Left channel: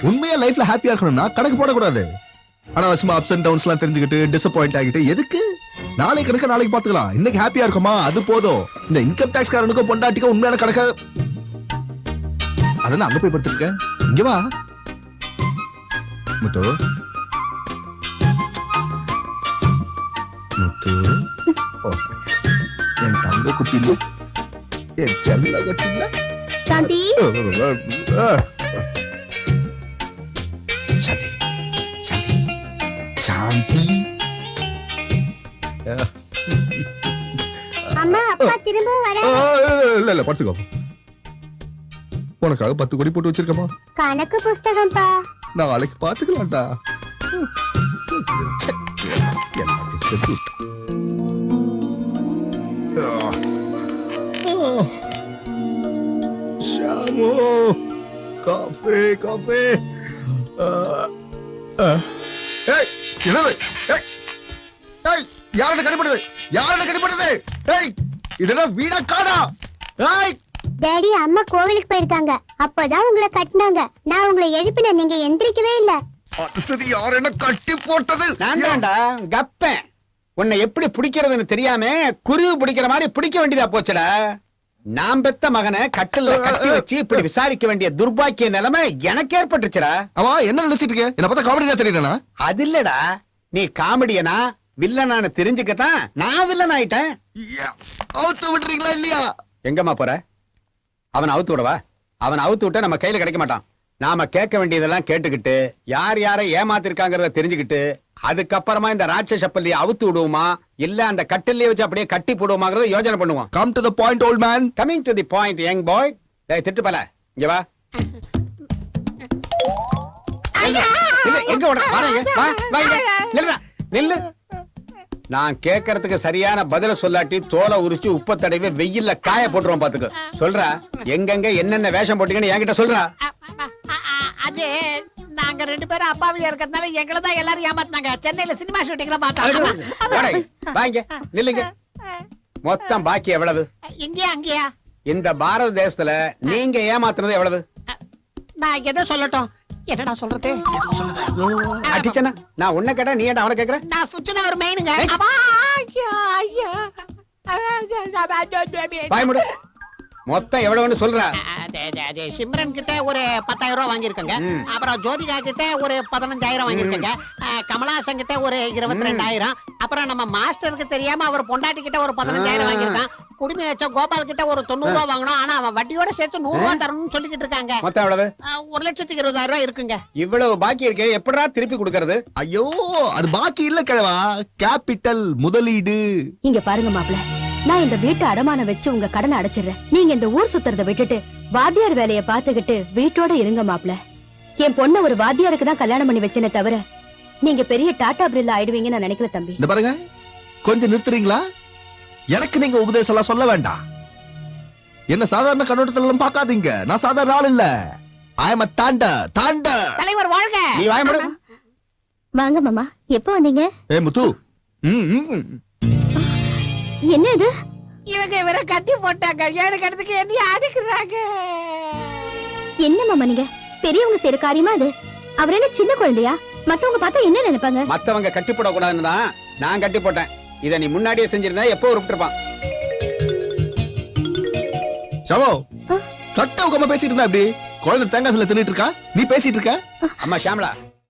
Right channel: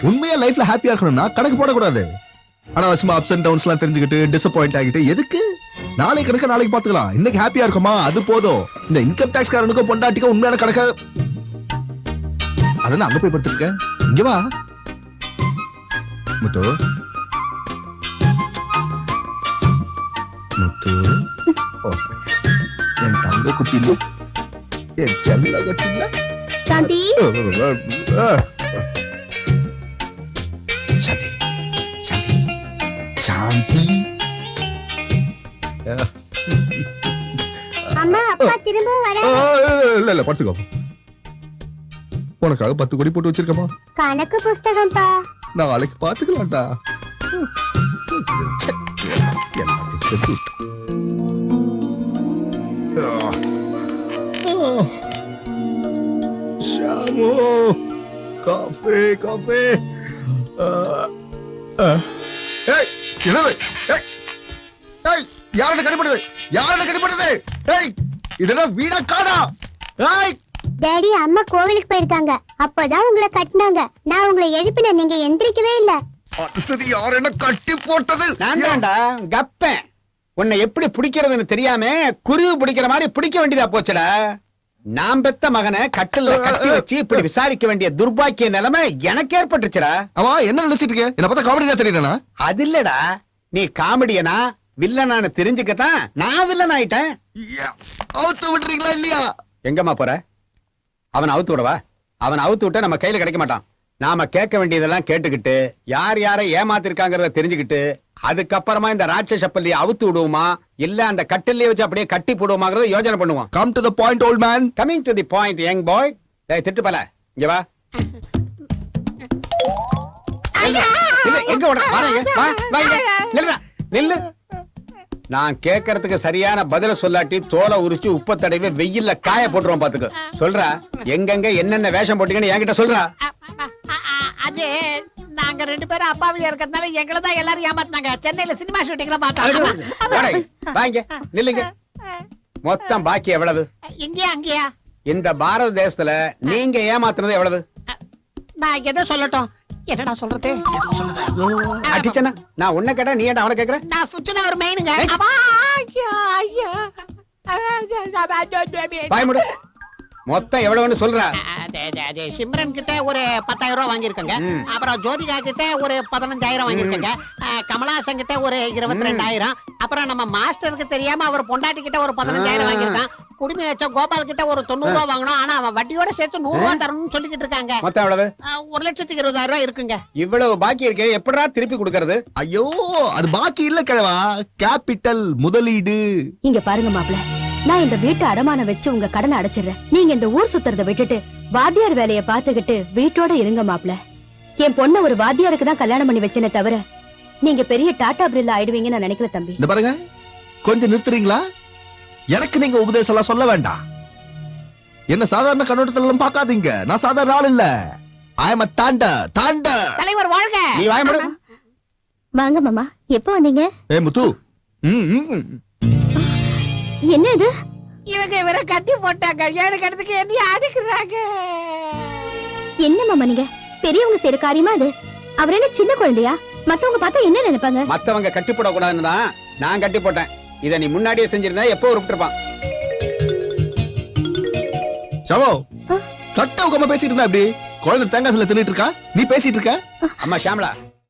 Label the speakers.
Speaker 1: உண்மையா லைஃப்ல ஹாப்பியா இருக்கணும்னா கணக்கு போடக்கூடாது. அனாவசியமா அப்ஸ் அண்ட் டவுன்ஸ் எல்லாம் தெரிஞ்சுக்கிட்டு டிசப்பாயிண்ட் ஆகிட்டு எதுக்கு? நாளைக்கு கணக்க நாளைக்கு பாத்துக்கலாம் இன்னைக்கு ஹாப்பியா இருக்குமா? அது போதும். இந்த இன்கம் டாக்ஸ் காரனுக்கும் பொண்டாட்டிக்கும் உண்மையான கணக்க. அதான் அங்க போய் படுத்திருக்க இங்க வா. முத்து. முத்து. என் தங்க குட்டி இல்ல என் செல்ல குட்டி இல்ல
Speaker 2: சாந்தி
Speaker 1: சாந்தி சாந்தி சாந்தி இல்ல இல்ல படுத்துக்கோ. உனக்காக பத்து கோடி போட்டு வச்சிருக்கமா
Speaker 2: கணக்கு புஸ்தகம்ப்பா.
Speaker 1: நாளைக்கு பாத்துக்கலாம்டா எல்லாத்தையும் விட்டான். ஷாமு காஃபி காஃபி என்னது? யாரோட கடிப்படுது யாரோட கடிப்படுது ஏய் இதெல்லாம் வீணா காடா ஏய்.
Speaker 2: டேடி அம்மா கோவிலுக்கு போயிருக்காங்க. அப்பதான் உங்களை கட்டினாங்க. நான் உங்களை எழுப்பின நீங்க எந்திரிக்கவே இல்ல.
Speaker 1: சரி யார் என்ன கட்டி போட்டது?
Speaker 3: நான் தான்டா கப்பேன். உன்னை எப்படி பிடிக்கிறதுன்னு தெரியாம குருவி பிடிக்கிற மாதிரி பிடிக்க வேண்டியதா போச்சுடா. நான் பெத்த மகனை கட்டில்ல கட்டி வச்சு இப்படி விசாரிக்க வேண்டிய துர்பாக்கிய நிலைமை எனக்கு ஏற்பட்டுச்சுடா.
Speaker 1: அவன் என்ன நினைச்சிட்டு இருக்க? என்ன பார்த்தா காமெடியா தெரியலனா
Speaker 3: அது இல்லடா. நீ காமெடியனா வில்லனான்னு தெரிஞ்சுக்கத்தான் நான் வில்லன் ஆயிட்டேன்.
Speaker 1: அவுத்து விட்டுறீங்களா இல்லையா?
Speaker 3: எங்கம்மா போற? அவன் அவுத்து விடவா? அவன் அவுத்து விட்டா நம்ம கையில கிடைக்க மாட்டான். நாம கேட்க வேண்டியதெல்லாம் கேட்டுக்கிட்டு யார் யாரை ஏமாத்திருக்காங்கறத தெரிஞ்சுக்கிட்டு அதுக்கப்புறமா இந்த ராட்சச பள்ளியை அவுத்து விடுவோமா? இல்ல அந்த கட்டிலே வச்சு அப்படியே கட்டி போடுவோமாங்கிறத யோசனை பண்ணுவோம்.
Speaker 1: Come to the point old man
Speaker 3: coming to the point young boy திட்டு பல. இங்க வா. இல்ல, இல்ல, எங்க ஓட வா வா. நில்லுடா, நில்லு நான் கேக்குறதுக்கு சரியான பதில சொல்லாட்டி தோலை உரிச்சு உப்ப தடவி வெயில்ல காய போட்டுருவோம் பாத்துக்க. சொல்றா? எங்கெங்க என்னென்ன வேஷம் போட்டீங்கன்னு என்கிட்ட சொல்றா.
Speaker 4: அது நாங்க ரெண்டு பேரும் அப்பாவியா இருக்கிறதுனால எங்களை தான் எல்லாரும் ஏமாத்தினாங்க. சென்னையில சினிமா ஷூட்டிங்ல
Speaker 3: வாடா,
Speaker 4: பார்த்தாங்க
Speaker 3: வா இங்க, நில்லுங்க. மொத்தம் பாக்கி எவ்வளவு?
Speaker 4: இங்கேயா அங்கேயா?
Speaker 3: இந்த பாரத தேசத்துல நீங்க ஏமாத்துனது எவ்வளவு?
Speaker 4: நான் எதை சொல்லட்டும்? என்னடா சொல்றது?
Speaker 3: அடிச்சனா நான் உன்ன கேட்டா நீ ஏன்டா அவனை கேக்குற?
Speaker 4: நான் சுச்சுனா ஒரு மெயினுங்க.
Speaker 3: பாய் முடு. மொத்தம் எவ்வளவுன்னு சொல்றா?
Speaker 4: சிம்ரன் கிட்ட ஒரு பத்தாயிரம் ரூபாய் வாங்கியிருக்கேங்க. அப்புறம் ஜோதிகா கிட்ட ஒரு பதினஞ்சாயிரம் வாங்கியிருக்கேங்க. கமலாசன் கிட்ட ஒரு இருபத்தி ரெண்டாயிரம் அப்புறம் நம்ம மாஸ்டருக்கு தெரியாம அவர் பொண்டாட்டி கிட்ட ஒரு பதினஞ்சாயிரம்
Speaker 3: ஆ.
Speaker 4: வாங்கியிருக்கான். குடுமி வச்ச கோபால் கிட்ட ஒரு தொண்ணூறு ரூபாய் வாங்கணும் ஆனா அவன் வட்டியோட சேர்த்து நூறு ரூபாய் தரணும்னு சொல்லிக்கிட்டு இருக்காங்க.
Speaker 3: மொத்தம் எவ்வளவு?
Speaker 4: ஒரு லட்சத்துக்கு இருபதாயிரம் ரூபாய் இருக்குங்க.
Speaker 3: இவ்வளவு பாக்கி இருக்கே. எப்படிடா திருப்பி கொடுக்கறது?
Speaker 1: ஐயோ அது பாக்கி இல்ல கிழவா. கேபிட்டல் முதலீடு.
Speaker 5: இங்க பாருங்க மாப்ள நான் இந்த வீட்டை அடமான வச்சு உங்க கடனை அடைச்சிடுறேன். நீங்க இந்த ஊர் சுத்துறத விட்டுட்டு வாத்தியார் வேலைய பாத்துக்கிட்டு வீட்டோட இருங்க மாப்ள என் பொண்ண ஒரு வாத்தியாருக்கு தான் கல்யாணம் பண்ணி வச்சேனே தவிர நீங்க பெரிய டாடா பிரில்ல ஆயிடுவீங்கன்னு நான் நினைக்கல தம்பி.
Speaker 1: இந்த பாருங்க கொஞ்சம் நிறுத்துறீங்களா? எனக்கு நீங்க உபதேசம் எல்லாம் சொல்ல வேண்டாம். என்ன சாதாரண கண்ணோட்டத்துல எல்லாம் பார்க்காதீங்க. நான் சாதாரண ஆள் இல்ல. ஐ எம் தாண்ட தாண்ட
Speaker 4: தலைவர் வாழ்க.
Speaker 3: நீ வாய
Speaker 5: வாங்க மாமா. எப்போ வந்தீங்க?
Speaker 1: ஏ முத்து. ம், ம்.
Speaker 5: என்ன இது
Speaker 4: இவங்க இவரை கட்டி போட்டாங்க. எனக்கு இடத்துக்கு என்ன அடிக்கிறாங்க.
Speaker 5: என்ன மாமா நீங்க? பெரியவங்க செய்யற காரியமா அது? அவர் என்ன சின்ன குழந்தையா? மத்தவங்க பார்த்தா என்ன நினைப்பாங்க?
Speaker 3: மத்தவங்க கட்டி போட கூடாதுன்னு தான் நான் கட்டி போட்டேன் இத நீ முன்னாடியே செஞ்சிருந்தா எப்போ விட்டுருப்பான்
Speaker 1: சவோ கட்ட உட்காம பேசிட்டு இருந்தா அப்படி குழந்தை தேங்காய் சில தின்னுட்டு இருக்கா? நீ பேசிட்டு இருக்க?
Speaker 3: அம்மா ஷாம்லா